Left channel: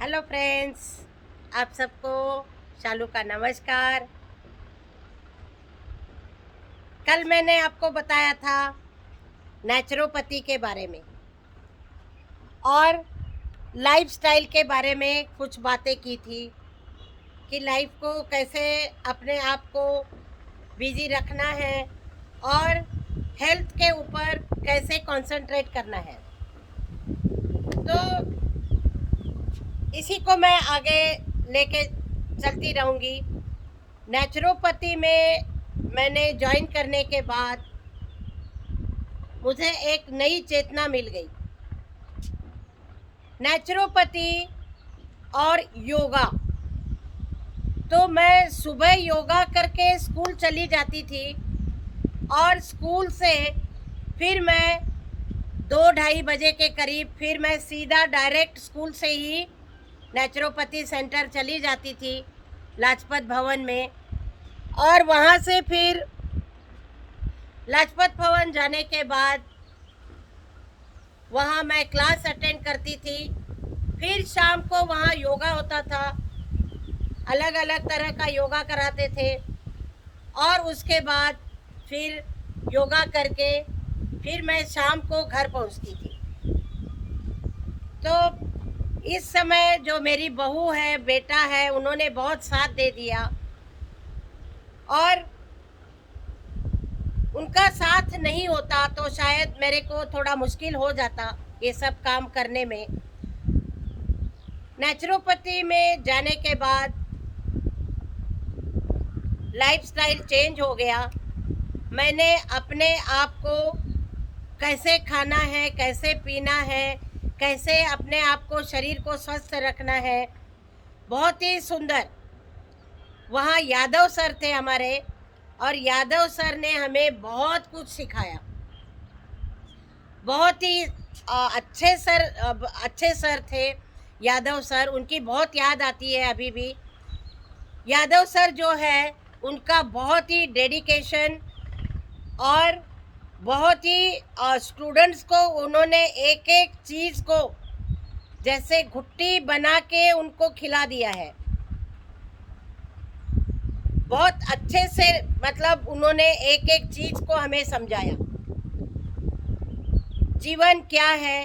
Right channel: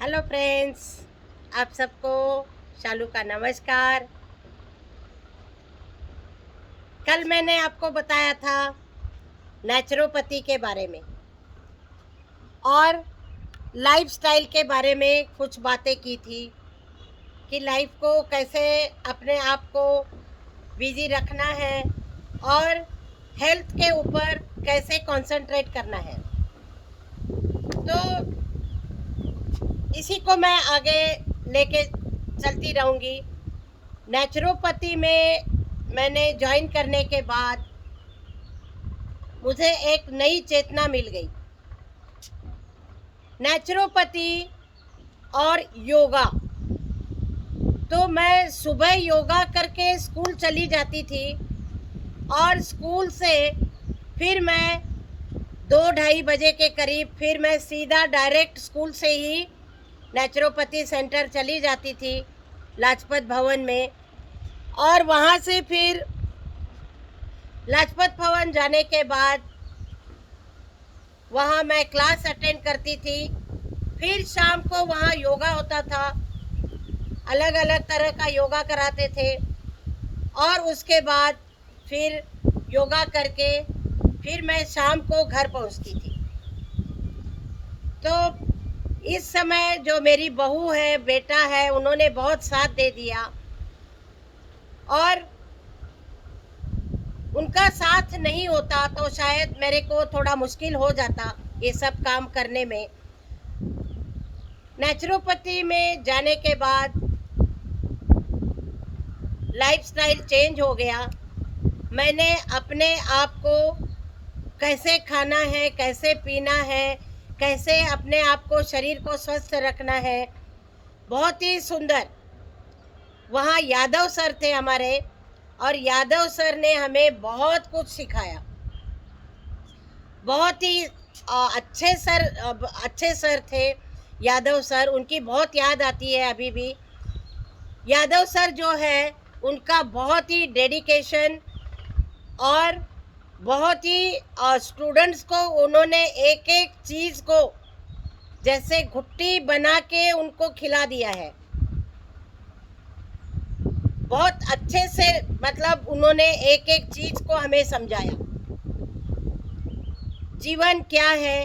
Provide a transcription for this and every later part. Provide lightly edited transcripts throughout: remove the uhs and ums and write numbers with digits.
Hello friends, आप सबको शालू का नमस्कार। कल मैंने आपको बताया था नेचुरोपैथी के बारे में और लाइफस्टाइल के बारे में कुछ बातें की थी कि लाइफ को कैसे अपने आप को बिजी रखना है और हेल्थ के ऊपर कैसे कंसंट्रेट करना है। तो इसी को मैं आगे लेके चलती रहूँगी। नेचुरोपैथी में मैंने ज्वाइन करने के बाद मुझे एक नई चेतना मिल गई। नेचुरोपैथी और योगा, तो मैं सुबह योगा करके स्कूल चली जाती थी और स्कूल से फिर मैं 2-2:30 बजे के करीब फिर मैं सीधा डायरेक्ट स्कूल से ही नेचुरोपैथी सेंटर चली जाती थी लाजपत भवन में। और वहाँ से फिर लाजपत भवन जाने के बाद वहाँ मैं क्लास अटेंड करती थी। फिर शाम को वहाँ योगा होता था, अलग अलग तरह का योगा कराते थे और उसके बाद फिर योगा करके फिर मैं शाम को घर पहुँचती थी। तो इस समय जो मेरी बहू है, बेटा है, उन्होंने बहुत साथ दे दिया और उनका साथ नहीं होता तो शायद मेरे को थोड़ा मुश्किल हो जाता ये सब काम करने में। नेचुरोपैथी में जाने के बाद लाइफस्टाइल चेंज हो गया। मैंने अपने आप को कैसे खाना है, कैसे पीना है, कैसे अपने आप को शरीर को स्वस्थ रखना है, बहुत ही सुंदर। वहाँ यादव सर थे हमारे और यादव सर ने हमें बहुत कुछ सिखाया। बहुत ही अच्छे सर थे यादव सर। उनकी बहुत याद आती है अभी भी। यादव सर जो है उनका बहुत ही डेडिकेशन और बहुत ही स्टूडेंट्स को उन्होंने एक एक चीज़ को जैसे घुट्टी बना के उनको खिला दिया है। बहुत अच्छे से मतलब उन्होंने एक एक चीज़ को हमें समझाया। जीवन क्या है,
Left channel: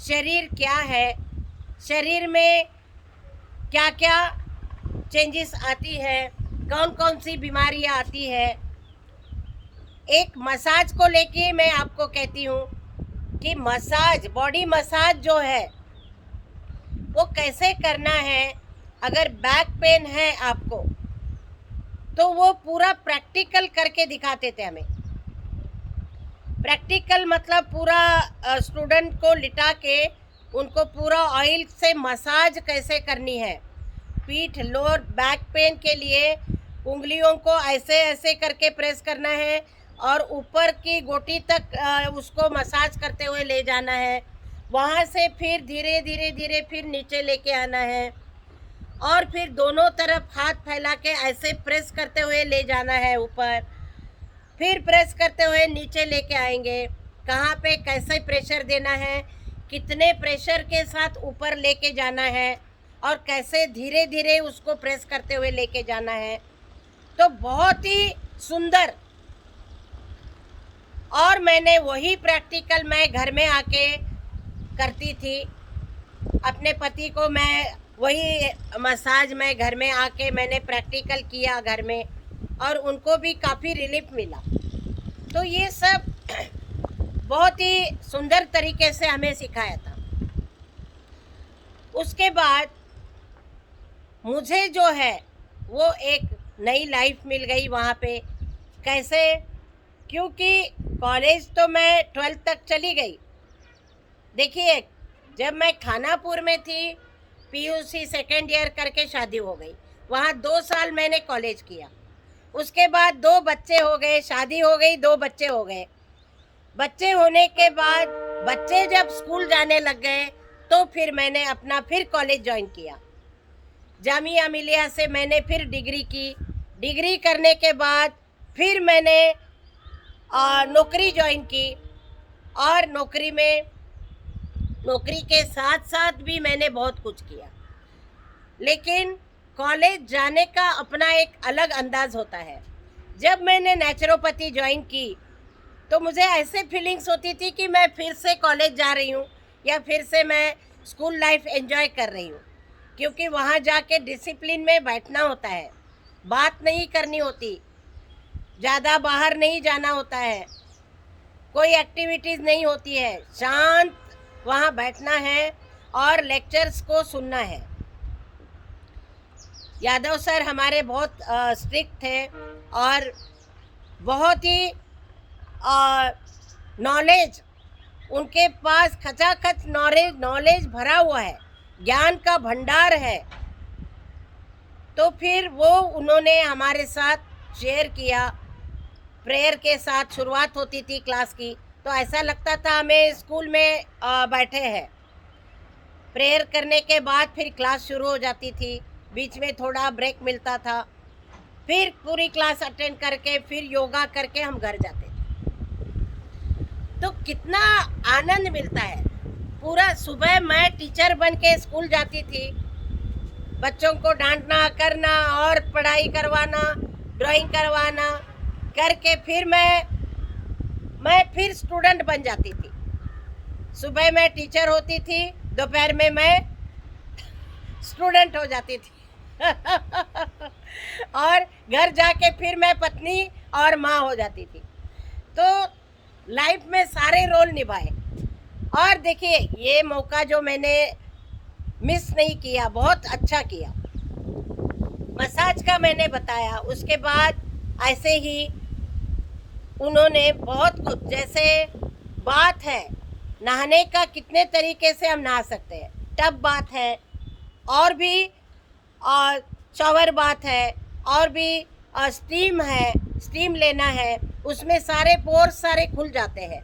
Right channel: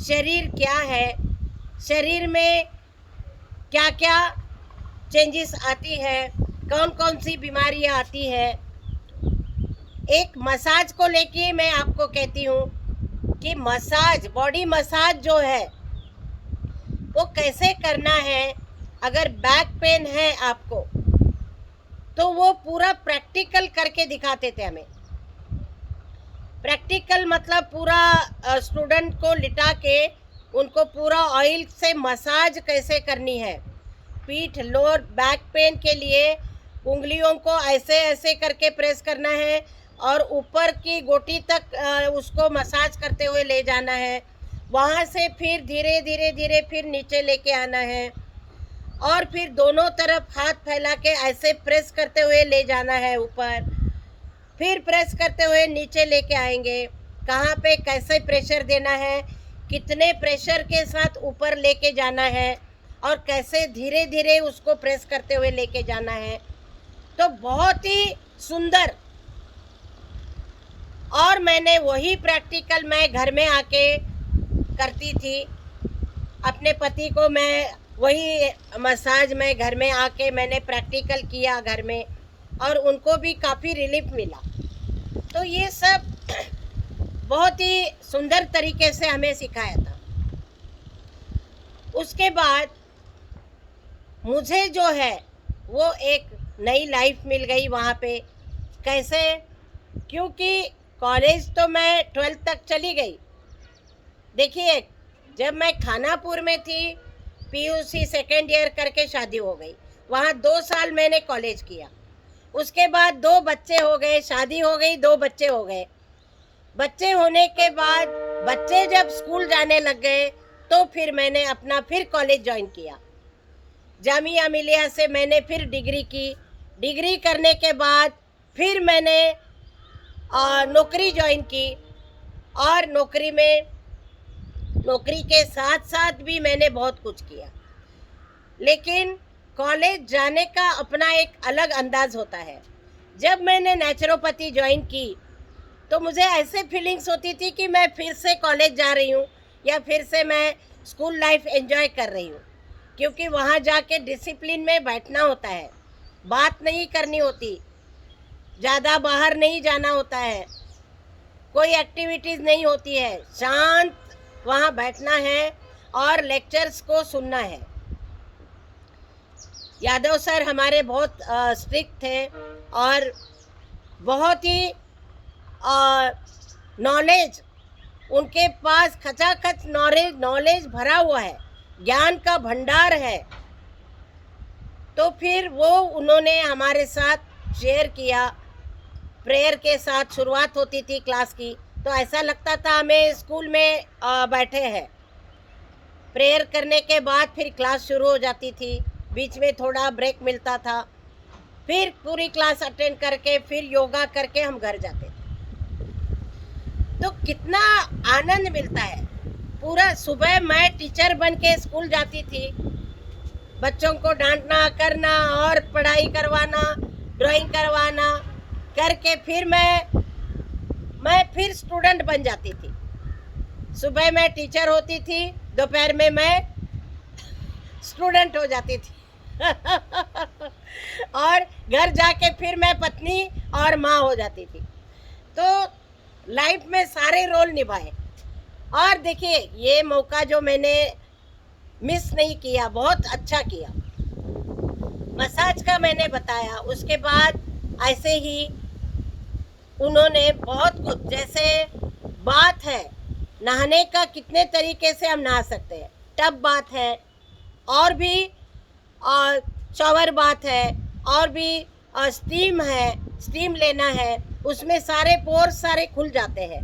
शरीर क्या है, शरीर में क्या क्या चेंजेस आती है, कौन कौन सी बीमारियां आती है। एक मसाज को लेके मैं आपको कहती हूँ कि मसाज, बॉडी मसाज जो है वो कैसे करना है। अगर बैक पेन है आपको तो वो पूरा प्रैक्टिकल करके दिखाते थे हमें। प्रैक्टिकल मतलब पूरा स्टूडेंट को लिटा के उनको पूरा ऑयल से मसाज कैसे करनी है। पीठ, लोअर बैक पेन के लिए उंगलियों को ऐसे ऐसे करके प्रेस करना है और ऊपर की गोटी तक उसको मसाज करते हुए ले जाना है। वहाँ से फिर धीरे धीरे धीरे फिर नीचे लेके आना है और फिर दोनों तरफ हाथ फैला के ऐसे प्रेस करते हुए ले जाना है ऊपर। फिर प्रेस करते हुए नीचे लेके आएंगे। कहाँ पे कैसे प्रेशर देना है, कितने प्रेशर के साथ ऊपर लेके जाना है और कैसे धीरे धीरे उसको प्रेस करते हुए लेके जाना है। तो बहुत ही सुंदर। और मैंने वही प्रैक्टिकल मैं घर में आके करती थी। अपने पति को मैं वही मसाज में घर में आके मैंने प्रैक्टिकल किया घर में और उनको भी काफ़ी रिलीफ मिला। तो ये सब बहुत ही सुंदर तरीके से हमें सिखाया था। उसके बाद मुझे जो है वो एक नई लाइफ मिल गई वहाँ पे। कैसे? क्योंकि कॉलेज तो मैं 12th तक चली गई। देखिए, जब मैं खानापुर में थी पीयूसी सेकेंड ईयर करके शादी हो गई। वहाँ 2 साल मैंने कॉलेज किया। उसके बाद 2 बच्चे हो गए, शादी हो गई, 2 बच्चे हो गए। बच्चे होने के बाद बच्चे जब स्कूल जाने लग गए तो फिर मैंने अपना फिर कॉलेज ज्वाइन किया। जामिया मिलिया से मैंने फिर डिग्री की। डिग्री करने के बाद फिर मैंने नौकरी ज्वाइन की और नौकरी के साथ साथ भी मैंने बहुत कुछ किया। लेकिन कॉलेज जाने का अपना एक अलग अंदाज होता है। जब मैंने नेचुरोपैथी ज्वाइन की तो मुझे ऐसे फीलिंग्स होती थी कि मैं फिर से कॉलेज जा रही हूँ या फिर से मैं स्कूल लाइफ एंजॉय कर रही हूँ, क्योंकि वहाँ जाके डिसिप्लिन में बैठना होता है, बात नहीं करनी होती, ज़्यादा बाहर नहीं जाना होता है, कोई एक्टिविटीज़ नहीं होती है, शांत वहाँ बैठना है और लेक्चर्स को सुनना है। यादव सर हमारे बहुत स्ट्रिक्ट थे और बहुत ही नॉलेज, उनके पास खचाखच नॉलेज भरा हुआ है, ज्ञान का भंडार है। तो फिर वो उन्होंने हमारे साथ शेयर किया। प्रेयर के साथ शुरुआत होती थी क्लास की, तो ऐसा लगता था हमें स्कूल में बैठे हैं। प्रेयर करने के बाद फिर क्लास शुरू हो जाती थी, बीच में थोड़ा ब्रेक मिलता था, फिर पूरी क्लास अटेंड करके फिर योगा करके हम घर जाते थे। तो कितना आनंद मिलता है। पूरा सुबह मैं टीचर बन के स्कूल जाती थी, बच्चों को डांटना करना और पढ़ाई करवाना, ड्राइंग करवाना करके फिर मैं फिर स्टूडेंट बन जाती थी। सुबह मैं टीचर होती थी, दोपहर में मैं स्टूडेंट हो जाती थी और घर जाके फिर मैं पत्नी और माँ हो जाती थी। तो लाइफ में सारे रोल निभाए। और देखिए, ये मौका जो मैंने मिस नहीं किया, बहुत अच्छा किया। मसाज का मैंने बताया, उसके बाद ऐसे ही उन्होंने बहुत कुछ, जैसे बात है नहाने का, कितने तरीके से हम नहा सकते हैं, टब बात है और भी शॉवर बात है और भी स्टीम है, स्टीम लेना है, उसमें सारे पोर्स सारे खुल जाते हैं।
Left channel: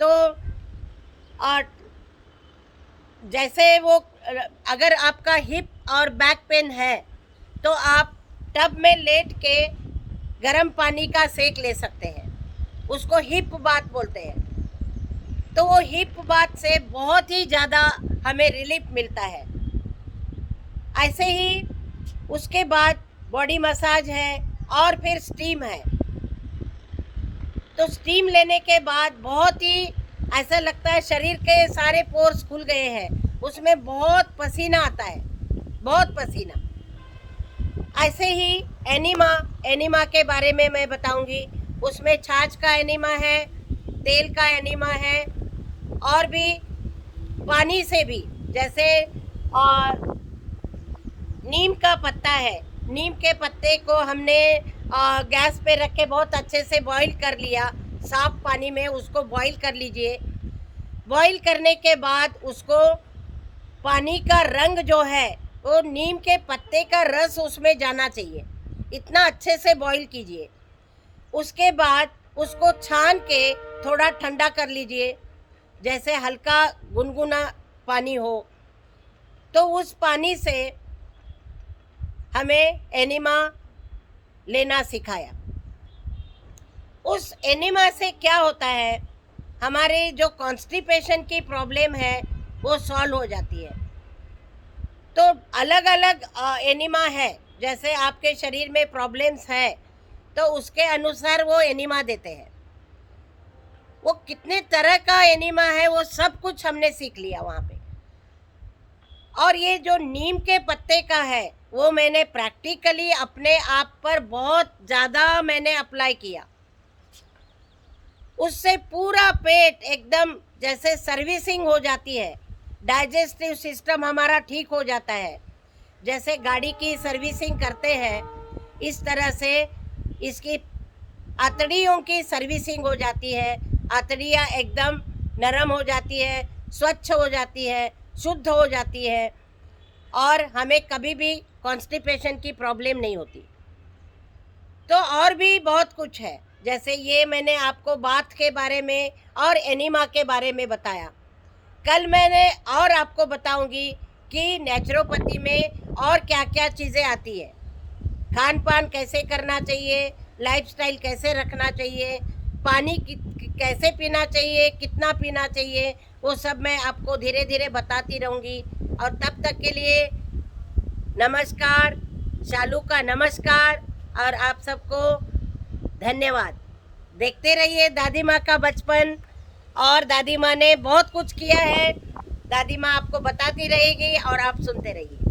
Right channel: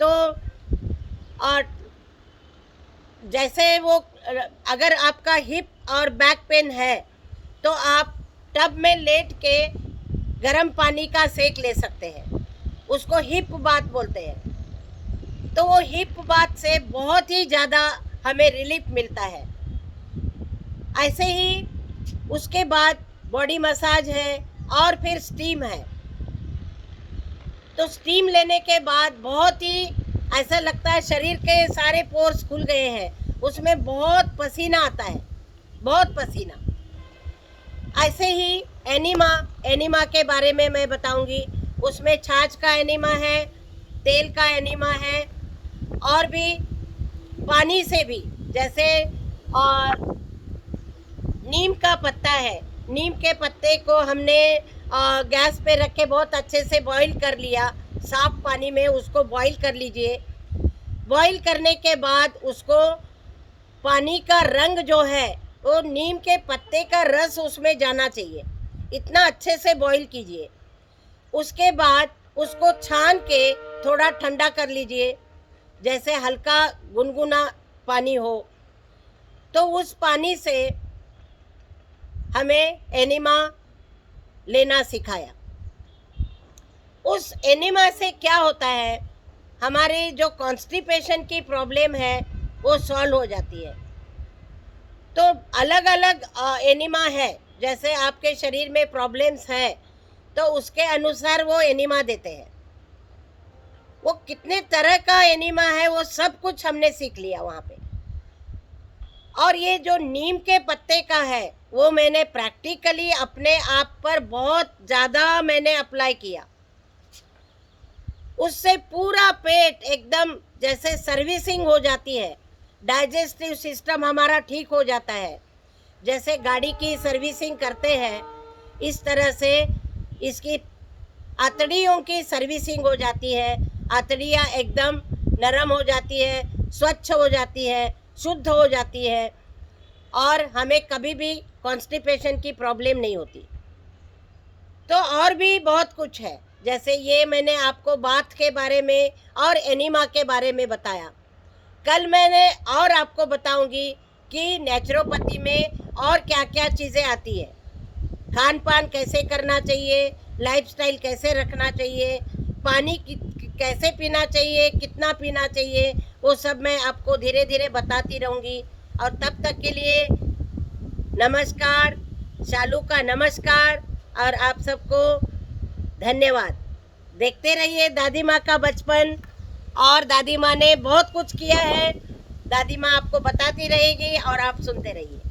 तो और जैसे वो, अगर आपका हिप और बैक पेन है तो आप टब में लेट के गर्म पानी का सेक ले सकते हैं, उसको हिप बात बोलते हैं। तो वो हिप बात से बहुत ही ज़्यादा हमें रिलीफ मिलता है। ऐसे ही उसके बाद बॉडी मसाज है और फिर स्टीम है। तो स्टीम लेने के बाद बहुत ही ऐसा लगता है शरीर के सारे पोर्स खुल गए हैं, उसमें बहुत पसीना आता है, बहुत पसीना। ऐसे ही एनिमा के बारे में मैं बताऊंगी। उसमें छाछ का एनिमा है, तेल का एनिमा है और भी पानी से भी, जैसे और नीम का पत्ता है, नीम के पत्ते को हमने गैस पे रख के बहुत अच्छे से बॉईल कर लिया, साफ पानी में उसको बॉईल कर लीजिए। बॉईल करने के बाद उसको, पानी का रंग जो है वो नीम के पत्ते का रस उसमें जाना चाहिए, इतना अच्छे से बॉईल कीजिए। उसके बाद उसको छान के थोड़ा ठंडा कर लीजिए, जैसे हल्का गुनगुना पानी हो। तो उस पानी से हमें एनिमा लेना सिखाया। उस एनिमा से क्या होता है, हमारे जो कॉन्स्टिपेशन की प्रॉब्लम है वो सॉल्व हो जाती है। तो अलग अलग एनिमा है, जैसे आपके शरीर में प्रॉब्लम्स है तो उसके अनुसार वो एनिमा देते हैं। वो कितने तरह का एनिमा है वो सब कुछ हमने सीख लिया वहाँ पे। और ये जो नीम के पत्ते का है वो मैंने प्रैक्टिकली अपने आप पर बहुत ज़्यादा मैंने अप्लाई किया। उससे पूरा पेट एकदम जैसे सर्विसिंग हो जाती है, डाइजेस्टिव सिस्टम हमारा ठीक हो जाता है। जैसे गाड़ी की सर्विसिंग करते हैं इस तरह से इसकी आंतड़ियों की सर्विसिंग हो जाती है। आंतड़ियाँ एकदम नरम हो जाती है, स्वच्छ हो जाती है, शुद्ध हो जाती है और हमें कभी भी कॉन्स्टिपेशन की प्रॉब्लम नहीं होती। तो और भी बहुत कुछ है, जैसे ये मैंने आपको बात के बारे में और एनिमा के बारे में बताया। कल मैंने और आपको बताऊंगी कि नेचुरोपैथी में और क्या क्या चीज़ें आती है, खान पान कैसे करना चाहिए, लाइफस्टाइल कैसे रखना चाहिए, पानी कैसे पीना चाहिए, कितना पीना चाहिए, वो सब मैं आपको धीरे धीरे बताती रहूँगी। और तब तक के लिए नमस्कार, शालू का नमस्कार और आप सबको धन्यवाद। देखते रहिए दादी माँ का बचपन, और दादी माँ ने बहुत कुछ किया है। दादी माँ आपको बताती रहेगी और आप सुनते रहिए।